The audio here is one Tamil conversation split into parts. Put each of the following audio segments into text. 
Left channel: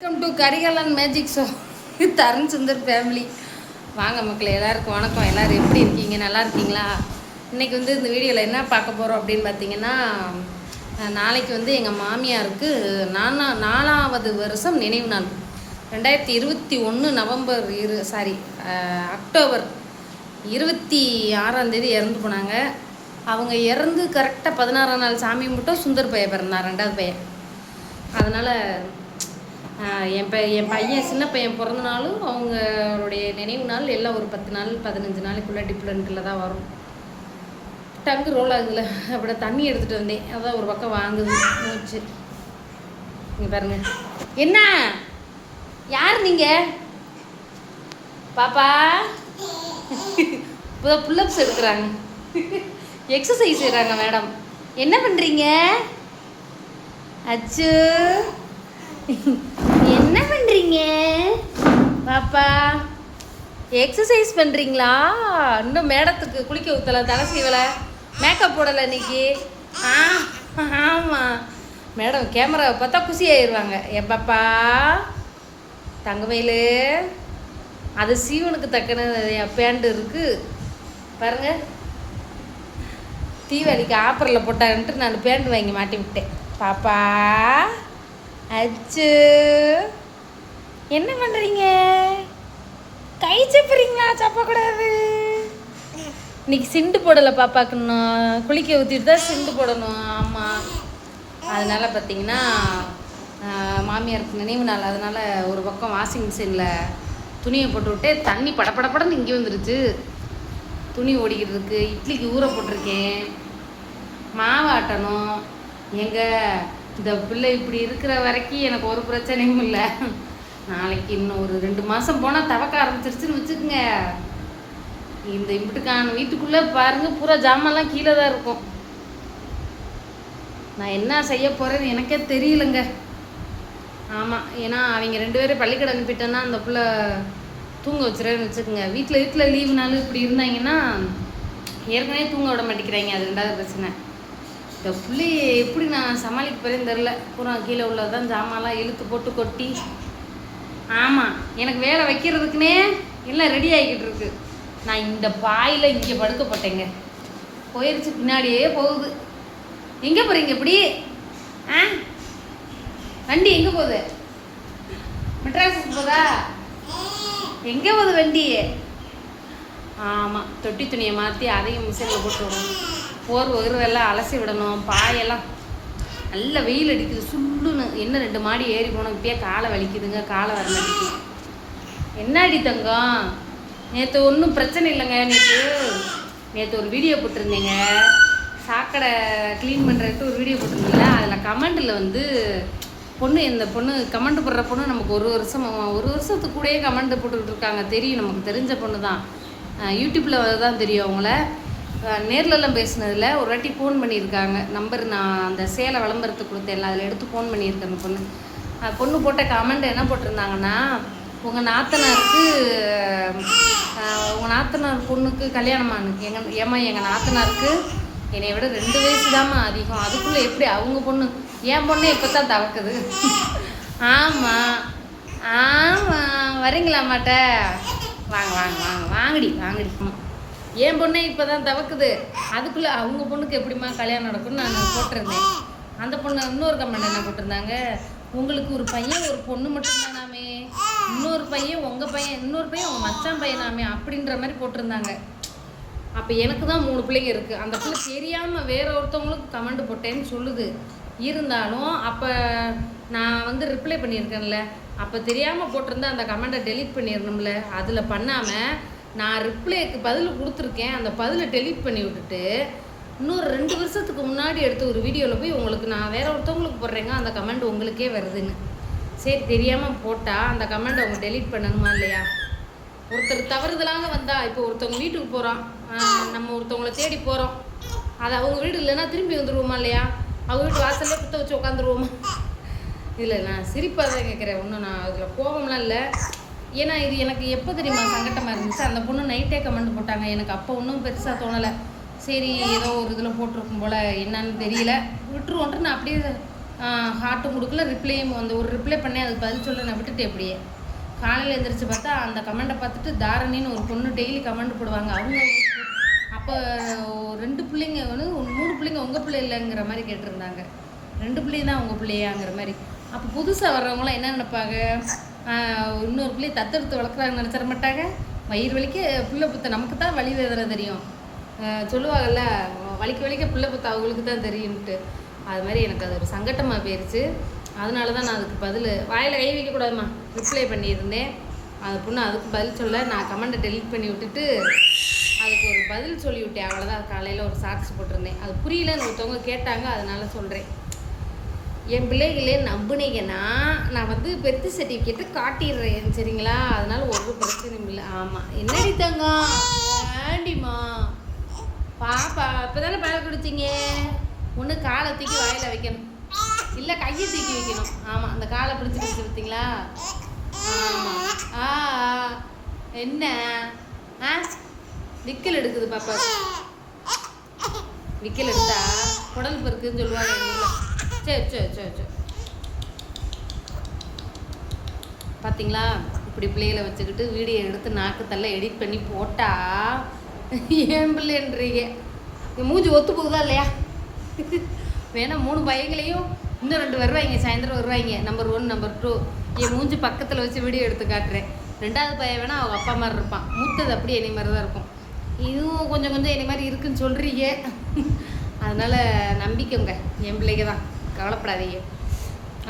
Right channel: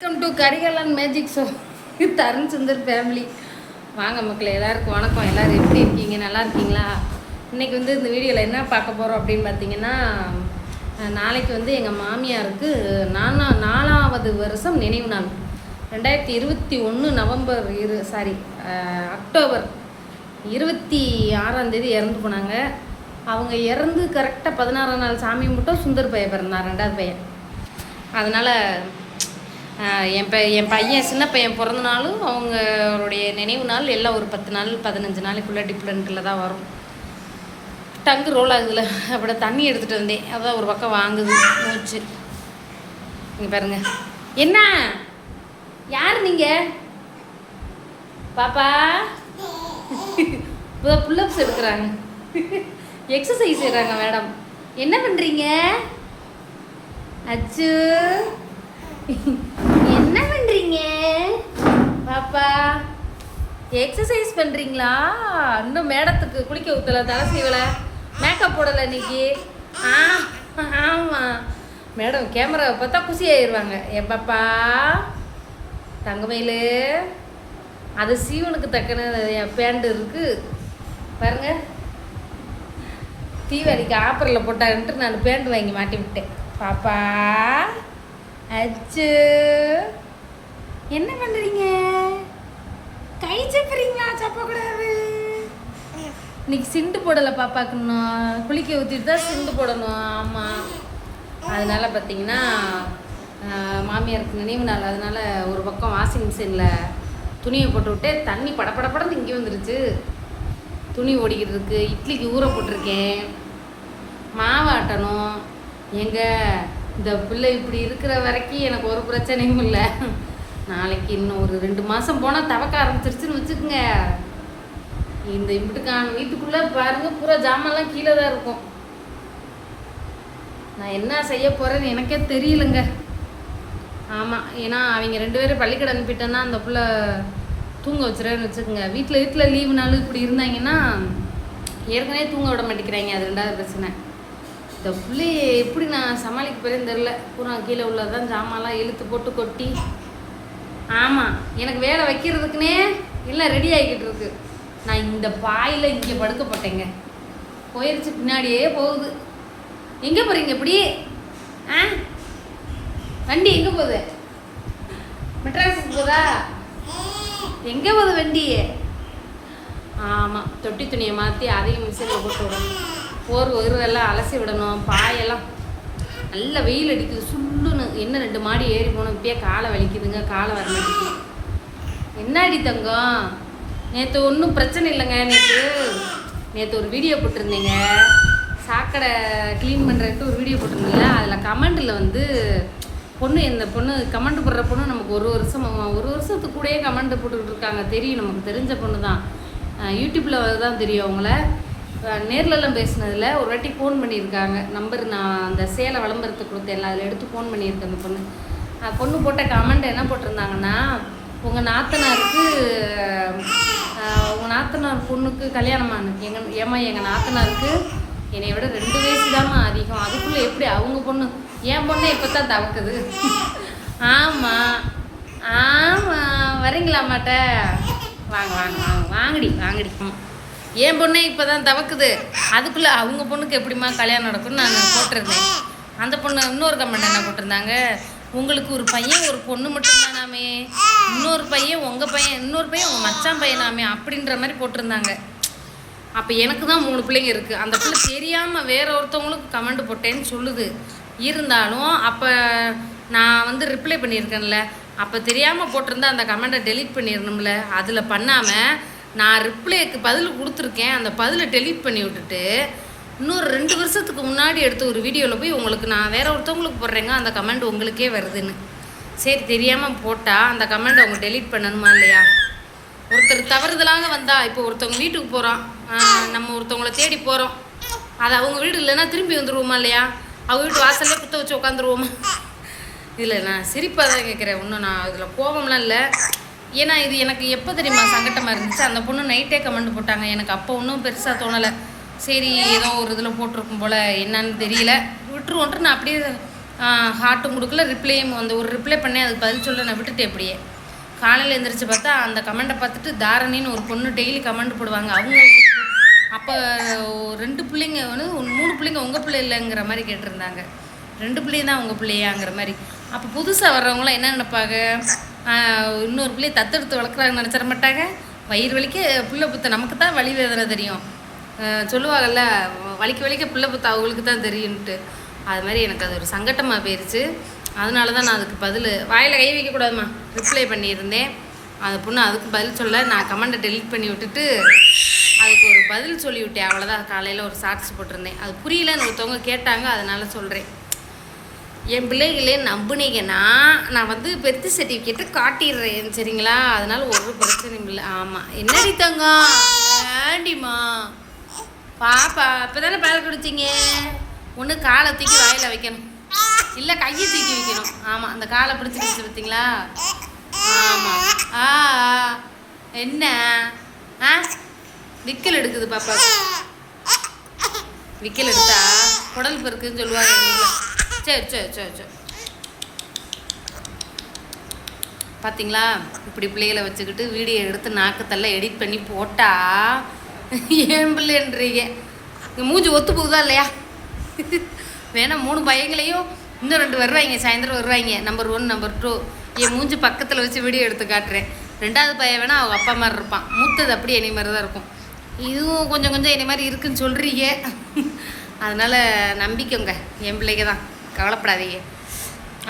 Welcome to Karikalan magic show Tarun Sundar family வாங்க மக்கள் எல்லாருக்கும் வணக்கம். எல்லோரும் எப்படி இருக்கீங்க? நல்லா இருக்கீங்களா? இன்றைக்கி வந்து இந்த வீடியோவில் என்ன பார்க்க போகிறோம் அப்படின்னு பார்த்தீங்கன்னா நாளைக்கு வந்து எங்கள் மாமியாருக்கு நானா நாலாவது வருஷம் நினைவு நாள். ரெண்டாயிரத்தி இருபத்தி ஒன்று நவம்பர் இரு சாரி அக்டோபர் இருபத்தி ஆறாந்தேதி இறந்து போனாங்க. அவங்க இறந்து கரெக்டாக பதினாறாம் நாள் சாமி மட்டும் சுந்தர் பையன் பிறந்தான் ரெண்டாவது பையன். அதனால் என் ப என் பையன் சின்ன பையன் பிறந்த நாளும் அவங்களுடைய நினைவு நாள் எல்லாம் ஒரு பத்து நாள் பதினஞ்சு நாளைக்குள்ளே டிஃப்ரெண்ட்டில் தான் வரும். டங்கு ரோல் ஆகுதுல. அப்படி தண்ணி எடுத்துகிட்டு வந்தேன். அதான் ஒரு பக்கம் வாங்குது மூச்சு. நீங்கள் பாருங்க. என்ன? யார் நீங்கள் பாப்பா? இப்போ புல்லப்ஸ் எடுக்கிறாங்க. எக்ஸசைஸ் செய்கிறாங்க மேடம் என்ன பண்ணுறீங்க அச்சு. என்ன பண்ணுறீங்க பாப்பா எக்ஸசைஸ் பண்ணுறீங்களா இன்னும் மேடத்துக்கு குளிக்க ஊற்றலை தலை செய்வலை மேக்கப் போடலை இன்னைக்கு. ஆ ஆமாம் மேடம் கேமராவை பார்த்தா குசி ஆயிடுவாங்க என் பாப்பா தங்கமயிலு அது சீவனுக்கு தக்கன என் பேண்ட் இருக்குது பாருங்க தீவாளிக்கு ஆஃபரில் போட்டாருன்ட்டு நான் பேண்ட் வாங்கி மாட்டி விட்டேன் பாப்பா அச்சு. என்ன பண்ணுறீங்க கை சப்புறீங்களா? சப்பக்கூடாது. இன்னைக்கு சிண்டு போடலை பாப்பாக்குன்னும் குளிக்க ஊற்றிட்டு தான் சிண்டு போடணும். ஆமாம் அதனால் பார்த்தீங்கன்னா மாமியாருக்கு நினைவு நாள். அதனால் ஒரு பக்கம் வாஷிங் மிஷினில் துணியை போட்டு விட்டு தண்ணி படபடப்படன்னு இங்கே வந்துருச்சு. துணி ஓடிக்கிட்டு இருக்கு இட்லிக்கு ஊற போட்டிருக்கேன். மாவு ஆட்டணும். எங்கள் இந்த பிள்ளை இப்படி இருக்கிற வரைக்கும் எனக்கு ஒரு பிரச்சனையும் இல்லை. நாளைக்கு இன்னும் ஒரு ரெண்டு மாதம் போனால் தவக்க ஆரம்பிச்சிருச்சுன்னு வச்சுக்கோங்க. இந்த இப்படிக்கான வீட்டுக்குள்ளே பாருங்கள் பூரா ஜாமான்லாம் கீழே தான் இருக்கும். நான் என்ன செய்ய போகிறேன்னு எனக்கே தெரியலங்க. ஆமாம் ஏன்னா அவங்க ரெண்டு பேரும் பள்ளிக்கடை அனுப்பிட்டேன்னா அந்த பிள்ளை தூங்க வச்சுருவேன்னு வச்சுக்கோங்க. வீட்டில் வீட்டில் லீவுனாலும் இப்படி இருந்தாங்கன்னா ஏற்கனவே தூங்க விட மாட்டேங்கிறாங்க அது ரெண்டாவது பிரச்சனை. இந்த புள்ளைய எப்படி நான் சமாளிக்க போகிறேன்னு தெரில பூரா கீழே உள்ளதான் ஜாமான்லாம் இழுத்து போட்டு கொட்டி. ஆமாம் எனக்கு வேலை வைக்கிறதுக்குன்னே எல்லாம் ரெடி ஆகிக்கிட்டு இருக்கு. நான் இந்த பாயில் இங்கே படுக்கப்பட்டேங்க. போயிருச்சு பின்னாடியே போகுது. எங்கே போகிறீங்க இப்படி? ஆ? வண்டி எங்கே போகுது? மெட்ராஸுக்கு போதா எங்கே போகுது வண்டி ஆமாம் தொட்டி துணியை மாற்றி அதையும் மிஷினில் போட்டு விடணும். போர் வகுறதெல்லாம் அலசி விடணும். பாயெல்லாம் நல்ல வெயில் அடிக்குது. சுள்ளுன்னு என்ன ரெண்டு மாடி ஏறி போனோம். இப்பயே காலை வலிக்குதுங்க. காலை வர மாட்டேங்குது. என்னடி தங்கம்? நேற்று ஒன்றும் பிரச்சனை இல்லைங்க நேற்று நேற்று ஒரு வீடியோ போட்டிருந்தேங்க. சாக்கடை க்ளீன் பண்ணுறதுக்கு ஒரு வீடியோ போட்டிருந்தீங்களா? அதில் கமெண்டில் வந்து பொண்ணு இந்த பொண்ணு கமெண்ட் போடுற பொண்ணு நமக்கு ஒரு வருஷம் ஒரு வருஷத்துக்கு கூடயே கமெண்ட் போட்டுக்கிட்டு இருக்காங்க. தெரியும். நமக்கு தெரிஞ்ச பொண்ணு தான் யூடியூப்பில் தான் தெரியும் அவங்கள. நேர்லலாம் பேசினதில் ஒரு வாட்டி ஃபோன் பண்ணியிருக்காங்க. நம்பர் நான் அந்த சேலை விளம்பரத்துக்கு கொடுத்தேன்ல அதில் எடுத்து ஃபோன் பண்ணியிருக்கேன் அந்த பொண்ணு. பொண்ணு போட்ட கமெண்ட் என்ன போட்டிருந்தாங்கன்னா உங்கள் நாத்தனாருக்கு உங்கள் நாத்தனார் பொண்ணுக்கு கல்யாணம் எங்கள் ஏமா எங்கள் நாத்தனாருக்கு என்னை விட ரெண்டு வயசு தாம்மா அதிகம். அதுக்குள்ளே எப்படி அவங்க பொண்ணு என் பொண்ணு இப்போ தான் தவக்குது. ஆமாம் ஆமாம் வரீங்களா மாட்ட வாங்க வாங்க வாங்க வாங்கடி வாங்கடி. என் பொண்ணே இப்போ தான் தவக்குது. அதுக்குள்ளே அவங்க பொண்ணுக்கு எப்படிம்மா கல்யாணம் நடக்கும்னு நான் போட்டிருந்தேன். அந்த பொண்ணு இன்னொரு கமெண்ட் என்ன போட்டிருந்தாங்க? உங்களுக்கு ஒரு பையன் ஒரு பொண்ணு மட்டும்தானாமே. இன்னொரு பையன் உங்கள் பையன் இன்னொரு பையன் உங்கள் மச்சான் பையனாமே. அப்படின்ற மாதிரி போட்டிருந்தாங்க. அப்போ எனக்கு தான் மூணு பிள்ளைங்க இருக்குது அந்த பிள்ளை தெரியாமல் வேற ஒருத்தவங்களுக்கு கமெண்ட் போட்டேன்னு சொல்லுது. இருந்தாலும் அப்போ நான் வந்து ரிப்ளை பண்ணியிருக்கேன்ல. அப்போ தெரியாமல் போட்டிருந்தா அந்த கமெண்ட்டை டெலீட் பண்ணிடணும்ல அதில் பண்ணாமல் நான் ரிப்ளைக்கு பதில் கொடுத்துருக்கேன். அந்த பதிலை டெலீட் பண்ணி விட்டுட்டு இன்னொரு ரெண்டு வருஷத்துக்கு முன்னாடி எடுத்த ஒரு வீடியோவில் போய் உங்களுக்கு நான் வேற ஒருத்தவங்களுக்கு போடுறேங்க அந்த கமெண்ட் உங்களுக்கே வருதுன்னு. சரி தெரியாமல் போட்டால் அந்த கமெண்ட் அவங்க டெலீட் பண்ணணுமா இல்லையா? ஒருத்தர் தவறுதலாக வந்தா இப்போ ஒருத்தவங்க வீட்டுக்கு போகிறோம் நம்ம ஒருத்தவங்கள தேடி போகிறோம் அது அவங்க வீடு இல்லைன்னா திரும்பி வந்துடுவோமா இல்லையா? அவங்க வீட்டு வாசல்லே குத்த வச்சு உட்காந்துருவோமா? இதில் நான் சிரிப்பாக தான் கேட்குறேன் ஒன்றும் நான் அதில் கோபம்லாம் இல்லை. ஏன்னா இது எனக்கு எப்போ தெரியுமா சங்கட்டமாக இருந்துச்சு? அந்த பொண்ணு நைட்டே கமெண்ட் போட்டாங்க. எனக்கு அப்போ ஒன்றும் பெருசாக தோணலை. சரி ஏதோ ஒரு இதில் போட்டிருக்கும் போல். என்னன்னு தெரியல. விட்டுருவோன்ட்டு நான் அப்படியே ஹார்ட்டும் கொடுக்கல ரிப்ளையும் அந்த ஒரு ரிப்ளை பண்ணி அதுக்கு பதில் சொல்ல நான் விட்டுட்டேன் அப்படியே. காலையில் எழுந்திரிச்சு பார்த்தா அந்த கமெண்ட்டை பார்த்துட்டு தாரணின்னு ஒரு பொண்ணு டெய்லி கமெண்ட் போடுவாங்க. அவங்க அப்போ ரெண்டு பிள்ளைங்க வந்து மூணு பிள்ளைங்க உங்கள் பிள்ளை இல்லைங்கிற மாதிரி கேட்டிருந்தாங்க. ரெண்டு பிள்ளைங்க தான் உங்கள் பிள்ளையாங்கிற மாதிரி. அப்போ புதுசாக வர்றவங்களாம் என்ன நினைப்பாங்க? இன்னொரு பிள்ளையை தத்தெடுத்து வளர்க்குறாங்கன்னு நினச்சிட மாட்டாங்க. வயிறு வலிக்க பிள்ளை புத்த நமக்கு தான் வலி வேதனை தெரியும். சொல்லுவாங்கல்ல வலிக்க வலிக்க பிள்ளை புத்த அவங்களுக்கு தான் தெரியும்ன்ட்டு. அது மாதிரி எனக்கு அது ஒரு சங்கட்டமாக போயிருச்சு. அதனால தான் நான் அதுக்கு பதில் வாயில் கை வைக்கக்கூடாதும்மா ரிப்ளை பண்ணியிருந்தேன். அந்த பொண்ணு அதுக்கு பதில் சொல்ல நான் கமெண்ட்டை டெலிட் பண்ணி விட்டுட்டு அதுக்கு ஒரு பதில் சொல்லி விட்டேன் அவ்வளோதான் காலையில் ஒரு ஷார்ட்ஸ் போட்டிருந்தேன். அது புரியலன்னு ஒருத்தவங்க கேட்டாங்க அதனால் சொல்கிறேன் என் பிள்ளைகளே நம்புனீங்கன்னா நான் வந்து பெர்த் சர்டிஃபிகேட்டை காட்டிடுறேன் சரிங்களா? அதனால ஒரு பிரச்சனையும் இல்லை. ஆமாம் என்னடி தங்கம்? ஆண்டிம்மா பாப்பா இப்போ தானே பால் குடிச்சிங்க? ஒன்று காலை தூக்கி வாயில் வைக்கணும். இல்லை கையை தூக்கி வைக்கணும். ஆமாம் அந்த காலை பிடிச்சி பிடிச்சி பார்த்தீங்களா ஆமாம் ஆ என்ன? ஆ? விக்கல் எடுக்குது பாப்பா. விக்கல் எடுத்தா குடல் பெருக்குன்னு சொல்லுவாங்க சரி சரி சரி சரி. பார்த்தீங்களா இப்படி பிள்ளைகளை வச்சுக்கிட்டு வீடியோ எடுத்து நாக்கத்தெல்லாம் எடிட் பண்ணி போட்டா ஏன் பிள்ளைன்றீங்க? இங்க மூஞ்சி ஒத்து போகுதா இல்லையா? வேணா மூணு பையங்களையும் இன்னும் ரெண்டு வருவாங்க சாயந்தரம் வருவாங்க நம்பர் ஒன் நம்பர் டூ என் மூஞ்சி பக்கத்தில் வச்சு வீடியோ எடுத்து காட்டுறேன். ரெண்டாவது பையன் வேணால் அவங்க அப்பா மாதிரி இருப்பான். மூத்தது அப்படியே என்னை மாதிரி தான் இருக்கும். இதுவும் கொஞ்சம் கொஞ்சம் என்னை மாதிரி இருக்குன்னு சொல்கிறீங்க அதனால் நம்பிக்கைங்க என் பிள்ளைங்க தான். கவலைப்படாதீங்க.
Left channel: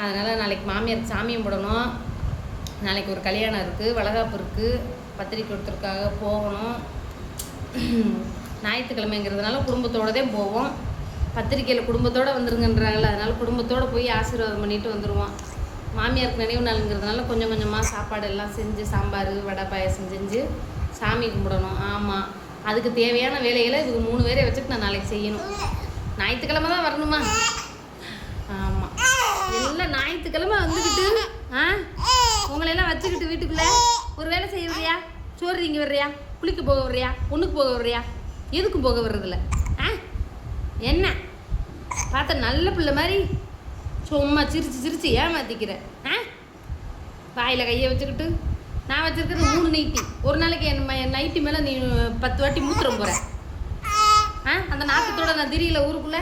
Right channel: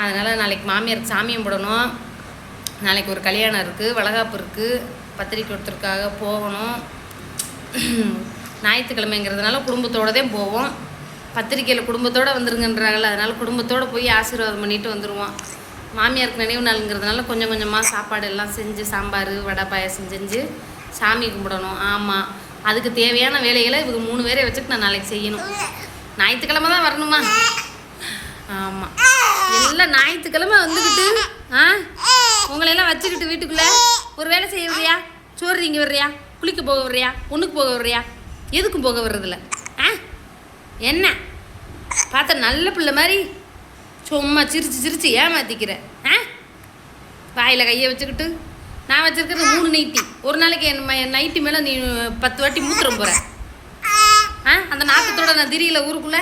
அதனால் நாளைக்கு மாமியாருக்கு சாமியம் போடணும். நாளைக்கு ஒரு கல்யாணம் இருக்குது வளகாப்பு இருக்குது பத்திரிக்கை கொடுத்துருக்காக போகணும். ஞாயிற்றுக்கிழமைங்கிறதுனால குடும்பத்தோட தான் போவோம். பத்திரிக்கையில் குடும்பத்தோடு வந்துருங்கன்றாங்கல்ல அதனால் குடும்பத்தோடு போய் ஆசீர்வாதம் பண்ணிட்டு வந்துடுவோம் மாமியாருக்கு நினைவு நாளுங்கிறதுனால கொஞ்சம் கொஞ்சமாக சாப்பாடு எல்லாம் செஞ்சு சாம்பார் வடை பாயசம் செஞ்சு சாமி கும்பிடணும். ஆமாம் அதுக்கு தேவையான வேலைகளை இவங்க மூணு பேரை வச்சுட்டு நான் நாளைக்கு செய்யணும். ஞாயிற்றுக்கிழமை தான் வரணுமா? எல்லாம் ஞாயிற்றுக்கிழமை வந்துக்கிட்டு ஆ? உங்களையெல்லாம் வச்சுக்கிட்டு வீட்டுக்குள்ளே ஒரு வேலை செய்ய வர்றியா சோறு இங்கே வர்றியா குளிக்க போக வர்றியா ஒன்றுக்கு போக வர்றியா எதுக்கும் போக வர்றதில்ல ஆ? என்ன? பார்த்த நல்ல பிள்ளை மாதிரி சும்மா சிரிச்சு சிரிச்சு ஏமாத்திக்கிற. ஆ? வாயில் கையை வச்சுக்கிட்டு நான் வச்சுருக்கிறது மூணு நைட்டி. ஒரு நாளைக்கு என் ம- நைட்டி மேலே நீ பத்து வாட்டி மூத்திரம் போகிற ஆ? அந்த நாக்கத்தோட நான் திரியல ஊருக்குள்ளே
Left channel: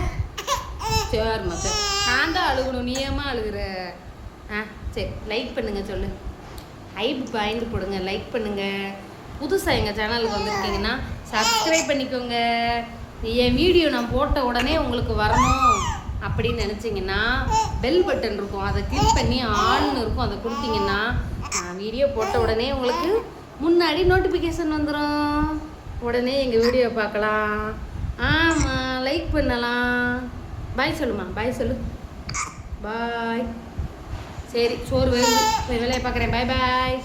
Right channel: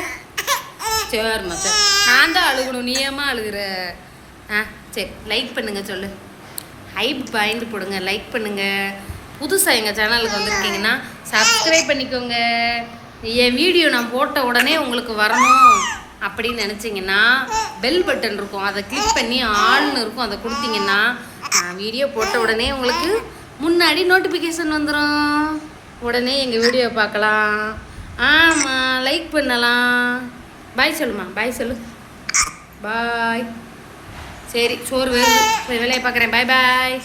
சரிம்மா சரி நான் தான் அழுகணும் நீ அழுகிற? அழுகுற ஆ சரி லைக் பண்ணுங்க சொல்லு. ஹைப் பாயிண்ட் போடுங்க லைக் பண்ணுங்க. புதுசாக எங்கள் சேனலுக்கு வந்திருக்கீங்கன்னா சப்ஸ்கிரைப் பண்ணிக்கோங்க. என் வீடியோ நான் போட்ட உடனே உங்களுக்கு வரணும் அப்படின்னு நினச்சிங்கன்னா பெல் பட்டன் இருக்கும். அதை கிளிக் பண்ணி ஆள்னு இருக்கும். அதை கொடுத்தீங்கன்னா நான் வீடியோ போட்ட உடனே உங்களுக்கு முன்னாடி நோட்டிஃபிகேஷன் வந்துடும் உடனே எங்கள் வீடியோ பார்க்கலாம். ஆமாம் லைக் பண்ணலாம். பாய் சொல்லுமா பாய் சொல்லு. பாய் சரி சோறு வேறு வேலையை பார்க்குறேன். பாய் பாய்